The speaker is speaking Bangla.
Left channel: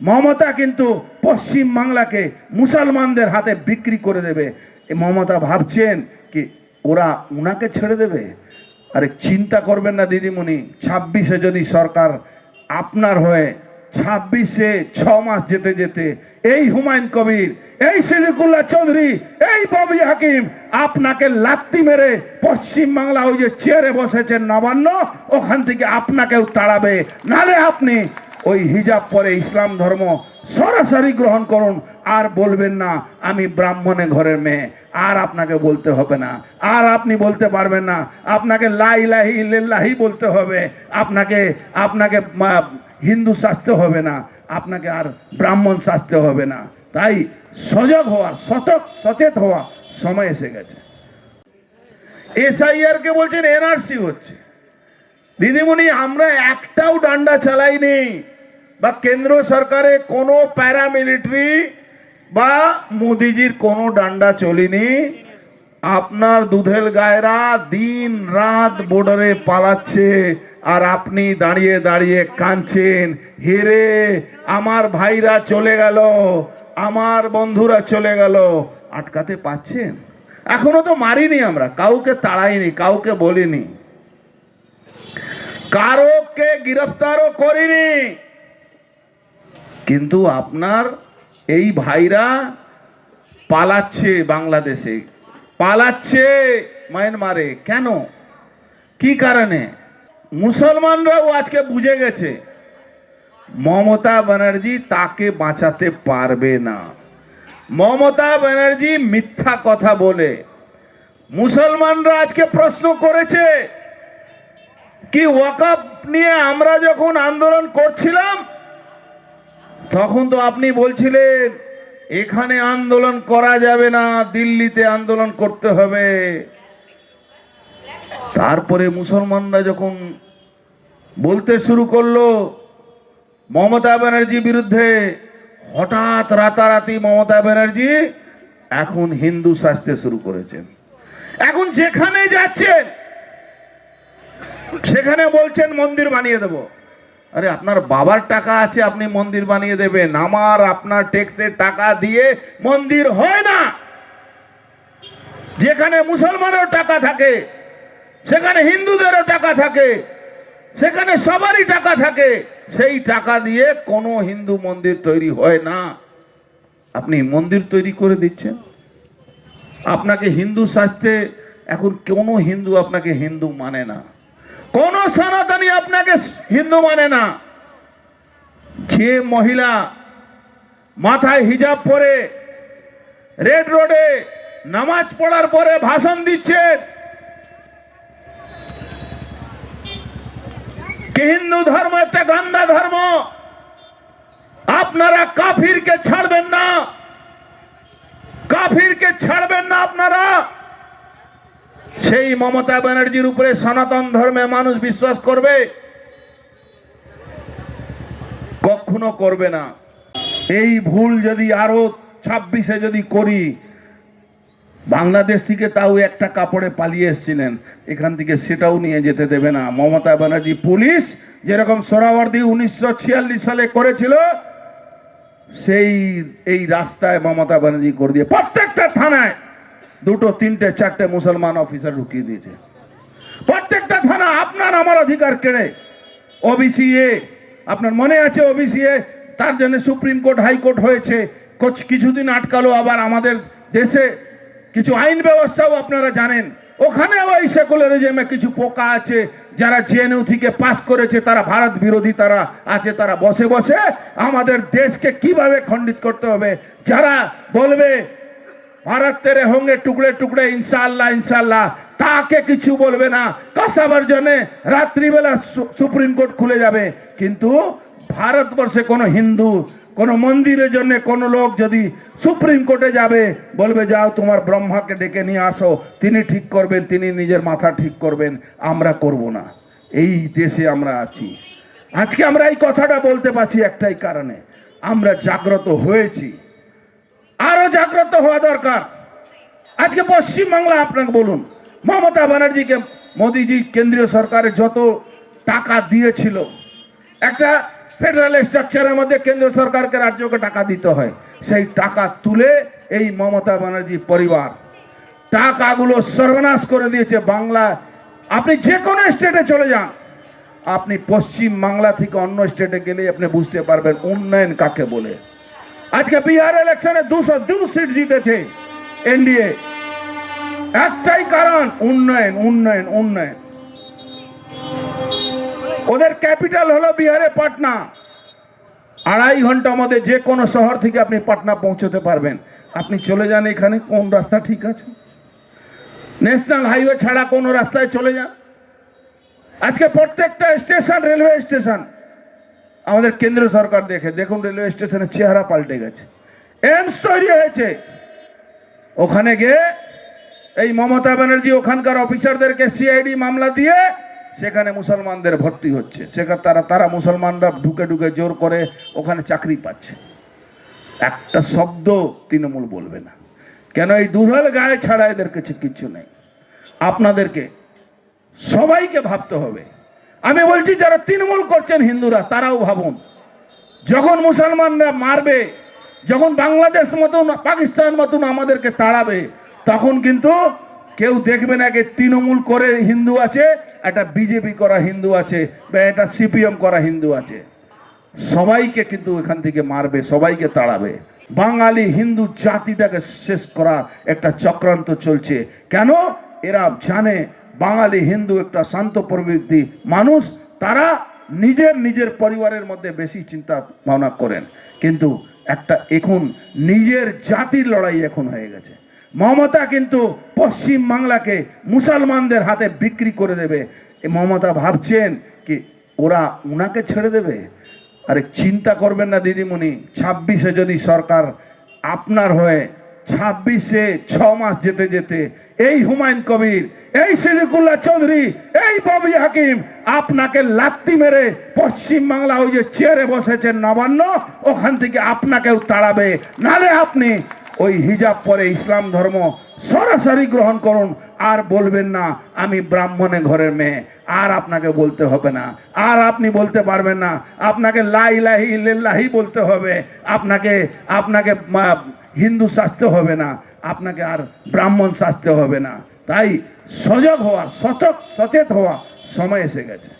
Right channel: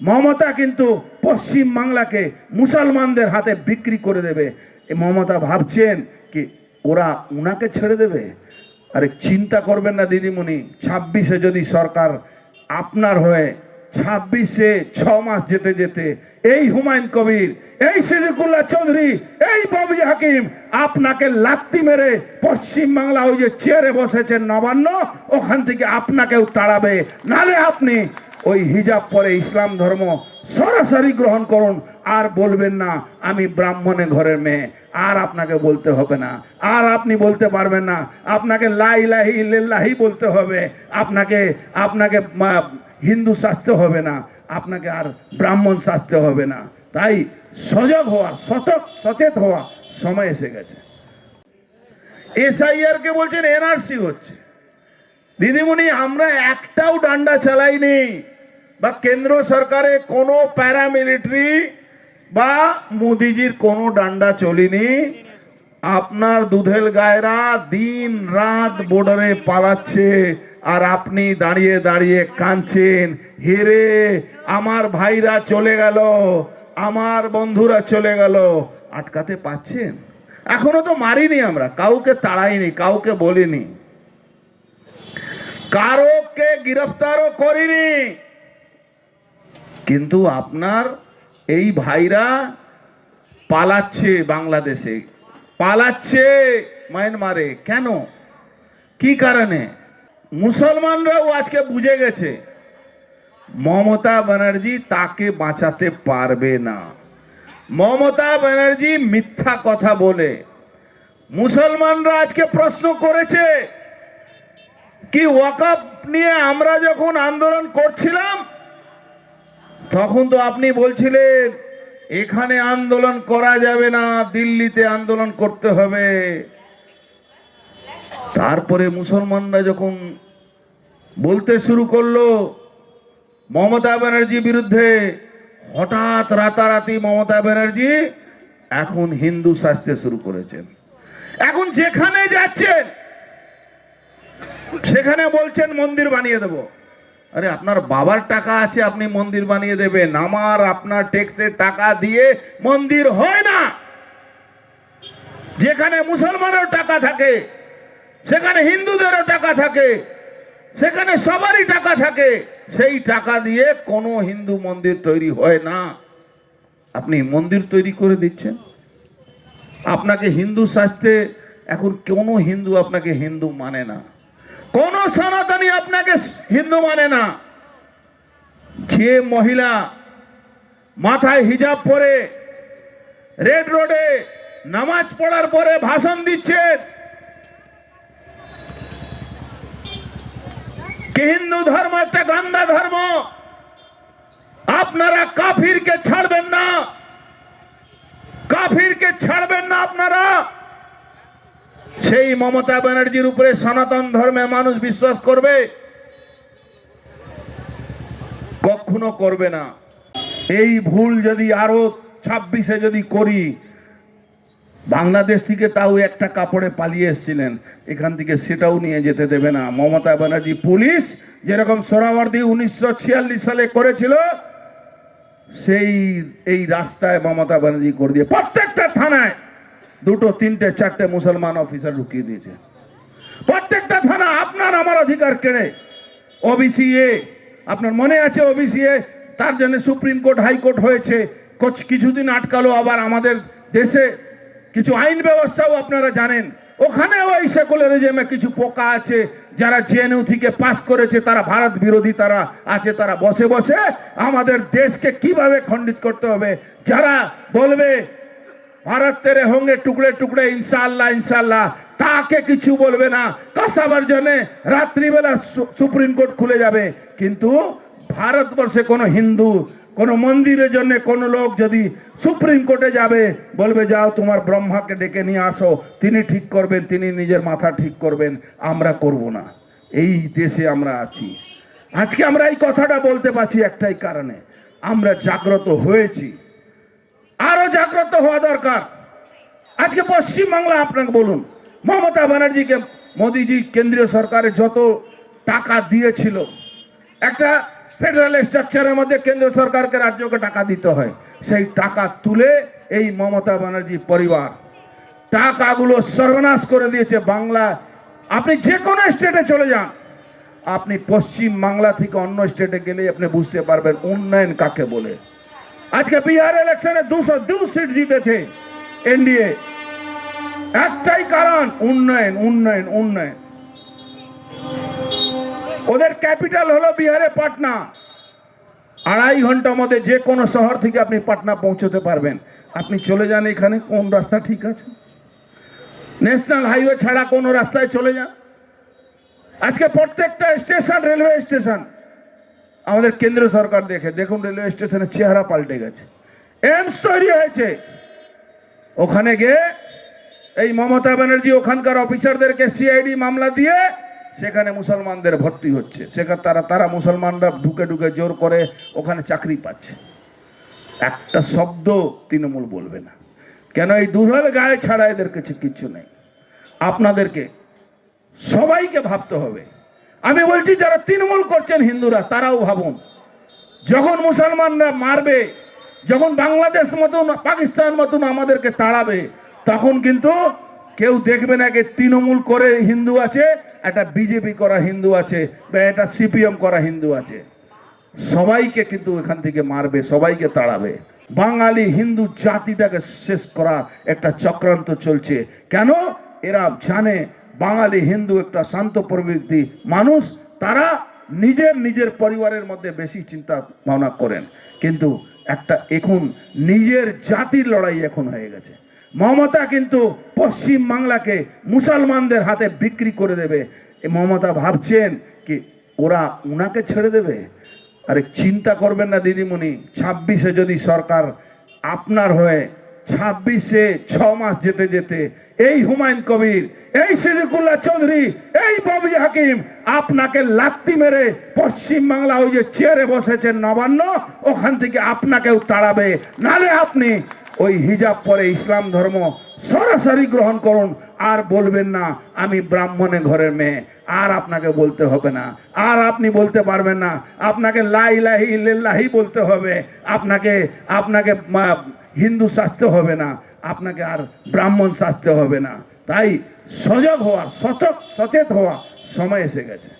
মমতা কিন্তু পশ্চিম বাংলাকে মুসলমানদের হাতে বিক্রি করে দেবে। মমতা ভাবছেন কি ওরা উনাকে ছেড়ে দেবে? আরে চিন্তা করবেন না দিদিমণি, 26-এ যদি সরকার আপনার হয়ে 26-এ 6 মাস যেতে যেতে এই হুমায়ুন কবির, এই সিদ্দিকুল্লাহ চৌধুরী, এই ববি হাকিম আপনাকে লাত্তি মেরে পশ্চিম বাংলা ওই যে চেয়ারে বসেছেন নবান্ন, ওখান থেকে আপনাকেও তাড়াবে। নালে আপনি ওই হিজাব পরে ইসলাম ধর্ম সরাসরি গ্রহণ করুন, আর বলবেন না আমি ব্রাহ্মণে ঘরের মেয়ে, আর আপনাকে বলতে হবে না, আর আপনি বলতে পারবেন না, আপনাকে লা ইলাহা ইল্লাল্লাহি বলতে হবে, আপনাকে আপনাকে হিন্দু সাজতে হবে না, আপনাকে আর ব্রাহ্মণ সাজতে হবে না। তাই সজাগ হওয়া, সচেত হওয়া সময় এসে গেছে। এসআইআর কে বলছেন এনআরসি হচ্ছে। দিদিমণি আমরা একটাও ডান্ডা চালাইনি, বা কেন্দ্র সরকারে কোনো প্যারামিলিটারি বা মোদিজির কোনো ডান্ডা চলিনি। আপনার দুধেল গায়েরা দিন রাত বর্ডারে পালাচ্ছে, আর আপনি দাঁড়িয়ে দাঁড়িয়ে কাঁদছেন, হেরে আমার ভাইরা চলে গেল, আমার বন্ধুরা চলে গেল। আটকাতে পাচ্ছেন? এখনো তো মারিনি আমরা, কাউকে তাড়াইনি, কাউকে বলিনি, কারোকে গ্রেফতারও করিনি, কিন্তু আপনার এই ভাইরা পালাচ্ছে, বাংলাদেশে পালাচ্ছে, মায়ানমারে। কেন? কি কারণে? মুসলমানরাও আজকে বুঝে গেছে মমতা ব্যানার্জি তাকে বাঁচাতে পারবে না। মমতা ব্যানার্জি মিথ্যা কথা বলে। মুসলমানরা আজকে প্রশ্ন করেছে কি ওয়াকফ নিয়ে আমরা যখন আন্দোলন করছিলাম তখন তো আপনি বলছিলেন এখানে আন্দোলন করা যাবে না, দিল্লিতে আন্দোলন করতে হবে। তারপরে মুসলমানরা যখন বলতে শুরু করলো মমতা ব্যানার্জির বিরুদ্ধে, হঠাৎ রাতারাতি মমতা ব্যানার্জি এখন হিন্দু সাজতে শুরু করেছেন। এখন যেখানে যাচ্ছেন সেখানে বলছেন মন্দির বানিয়ে দেব। আরে আপনার বাবার টাকা আছে, আপনি মন্দির বানিয়ে দেবেন? আমার আপনার ট্যাক্সের টাকা দিয়ে মন্দির হয় না। যেখানে মুসলমানের টাকা থাকে, সেখানে হিন্দুদেরও টাকা থাকে, সেখানে সবারই টাকা থাকে, সেই টাকা দিয়ে কোনো হিন্দু মন্দির তৈরি হয় না। আপনি মন্দির তৈরি করে দিচ্ছেন। আপনাকে হিন্দু সাজতে এখন কোনো হিন্দু আপনাকে হিন্দু মানে না, কোন সনাতনী আপনাকে হিন্দু মানে না। যে মহিলা মাথায় হিজাব পরে রেড রোডে নামাজ পড়ার পরে ভাষণ দিচ্ছেন কি হিন্দু ধর্ম একটা গন্দা ধর্ম, আপনারা কাফিরকে ছাড়বেন না, কাফিরকে ছাড়বেন না আপনারা। সেই মমতা ব্যানার্জির উপরে সনাতন ধর্মে মানুষ বিশ্বাস করবে? কখনো করবে না। এই ভুল যদি আরো 26-এ যদি করি, বাংলাদেশ থেকে তাও একটা কাপড়ে পালিয়ে এসেছিলেন, এখান থেকে সেটাও নিয়ে যেতে দেবে না মমতা ব্যানার্জি। পুলিশ যেরকম সোহরাওয়ার্দী 1946 সালে করেছিল, সেই এই রাস্তায় মমতা ব্যানার্জি করে দিয়ে প্রত্যেকটা থানায় 2, 3, 4 মুসলমান অফিসার ঢুকিয়ে দিয়েছে। প্রত্যেকটা থানা আপনার আমার অধিকার কেড়ে। ওবিসি এ, আপনার মনে আছে ওবিসি এ, তার জন্য সুপ্রিম কোর্ট হাইকোর্ট হয়েছে, কিছুদিন আটকালো। আবার আমাদের দেশে কিছু আইন ব্যবস্থাও আপনারা জানেন, ওখানেও এই সেকুলারিজমে কিছু পোকা আছে, যারা জেএনইউ থেকে পাস করেছে, তারা ভারত বিরোধী তারা আছে, তারা বসে বসে আমাদের দেশকে কিভাবে খণ্ডিত করতে হবে, যারা বলবে ভারত তেরে হোঙ্গে টুকরে টুকরে ইনশাআল্লাহ ইনশাআল্লাহ, তাকে কিছু বলবে না। কাসাবার জন্য রাত্রিবেলা সুপ্রিম কোর্ট খুলে যাবে, কিন্তু ভারতবর্ষে কোনো হিন্দু কোনো মন্দিরের জন্য কোনো লোক যদি সুপ্রিম কোর্টে যাবে, বলবে যাও তোমার ব্রহ্মাকে ডেকে নিয়ে আসো, তিনি ঠিক করবেন, তিনি নিজের মাথা ঠিক করবেন, আমরা করব না। এই দেশে আমরা আছি। আজকে আমরা এই কথাটা বলতে পারছি একটাই কারণে, আমরা জাগ্রত হয়েছি, আরো জাগ্রত হওয়া দরকার। আজকে পশ্চিমবাংলা আপনাকে বলুন, মমতা ব্যানার্জিকে মোদিজি কেন্দ্রীয় সরকারের যত টাকা দিয়েছিল, একটা ফেডারেল স্ট্রাকচারের মধ্যে কেন্দ্র সরকারকে রাজ্যকে টাকা দিতে হয়, সেই টাকা তুলে এই মমতা ব্যানার্জি পরিবার টাকাগুলো সর্বনাশ করে দিয়েছে। বাংলা আপনি যে কোনো স্টেটে চলে যান, আপনি পশ্চিম বাংলা থেকে অন্য স্টেটে গেলে আপনি বুঝতে পারবেন উন্নয়ন কাকে বলে। আজকে বিহার ইলেকশনে 202 সিট জিতেছে এনডিএ, একটাই কারণ উন্নয়ন উন্নয়ন উন্নয়ন। ওদের ক্যাপিটাল হলো বিহারে পাটনা, 2.5 ঘন্টার মধ্যে যে কোনো শহর থেকে আপনি পাটনা পৌঁছতে পারবেন। আপনি চলে যান এখানে, কোন রাস্তা ঠিক আছে? ন্যাশনাল হাইওয়ে ছাড়া কোন রাস্তায় চলে যান। আজকে প্রত্যেকটা স্টেশন রেলওয়ে স্টেশন আমাদের কেন্দ্র সরকার দেখুন রেলওয়ে স্টেশনের চেহারা পাল্টে গেছে। এইমস তৈরি হয়েছে, ওখানে গিয়ে এই মমতা ব্যানার্জি ওখানকার অফিসারদেরকে সিআইডি মামলা দিয়ে সেখানে মুসলমানদের ভর্তি হচ্ছে, সেখানে তারা মুসলমানরা ঢুকে ঢুকে জোর করে ওখানে চাকরি পাচ্ছে। একটা শব্দ তৃণমূল বলবে না কেন? এই দুর্বল গায়ে ছাড়া এদের কিছু কিচ্ছু নেই। আপনাদেরকে সবাইকে ভাবতে হবে। আমি বলছি যারা তৃণমূল করছেন হিন্দুরা, তারাও ভাবুন, যখন মুসলমানরা মারবে, যখন বাংলাদেশ মতন পাকিস্তান মতন আমাদেরকে তাড়াবে, তখন কিন্তু কেউ দেখবে না যে তৃণমূল করে হিন্দু আছে, একটা বিজেপি করা হিন্দু আছে, বা একটা সিপিএম করা হিন্দু আছে। সবাইকে কিন্তু এখান থেকে মারবে, সবাইকে তাড়াবে। বাঙালি হিন্দু জাতিটাকে শেষ করার একটা চক্রান্ত চলছে। কেন? এরা জানে বাঙালি হিন্দু একটা শান্ত প্রবৃত্তি মানুষ, তারা নিজের নিজের পরিবারের মধ্যে বেশি চিন্তা ভাবনা করেন। কিন্তু একটা এখন নিজের জাতির লড়াই এখন হয়ে গেছে। মমতা কিন্তু পশ্চিম বাংলাকে মুসলমানদের হাতে বিক্রি করে দেবে। মমতা ভাবছেন কি ওরা উনাকে ছেড়ে দেবে? আরে চিন্তা করবেন না দিদিমণি, 26-এ যদি সরকার আপনার হয়ে 26-এ 6 মাস যেতে যেতে এই হুমায়ুন কবির, এই সিদ্দিকুল্লাহ চৌধুরী, এই ববি হাকিম আপনাকে লাত্তি মেরে পশ্চিম বাংলা ওই যে চেয়ারে বসেছেন নবান্ন, ওখান থেকে আপনাকেও তাড়াবে। নালে আপনি ওই হিজাব পরে ইসলাম ধর্ম সরাসরি গ্রহণ করুন, আর বলবেন না আমি ব্রাহ্মণের ঘরের মেয়ে, আর আপনাকে বলতে হবে না, আর আপনি বলতে পারবেন না, আপনাকে লা ইলাহা ইল্লাল্লাহ বলতে হবে, আপনাকে হিন্দু শাস্তে হবে না, আপনাকে আর ব্রাহ্মণ শাস্তে হবে না। তাই সজাগ হওয়া, সচেত হওয়া সময় এসে গেছে।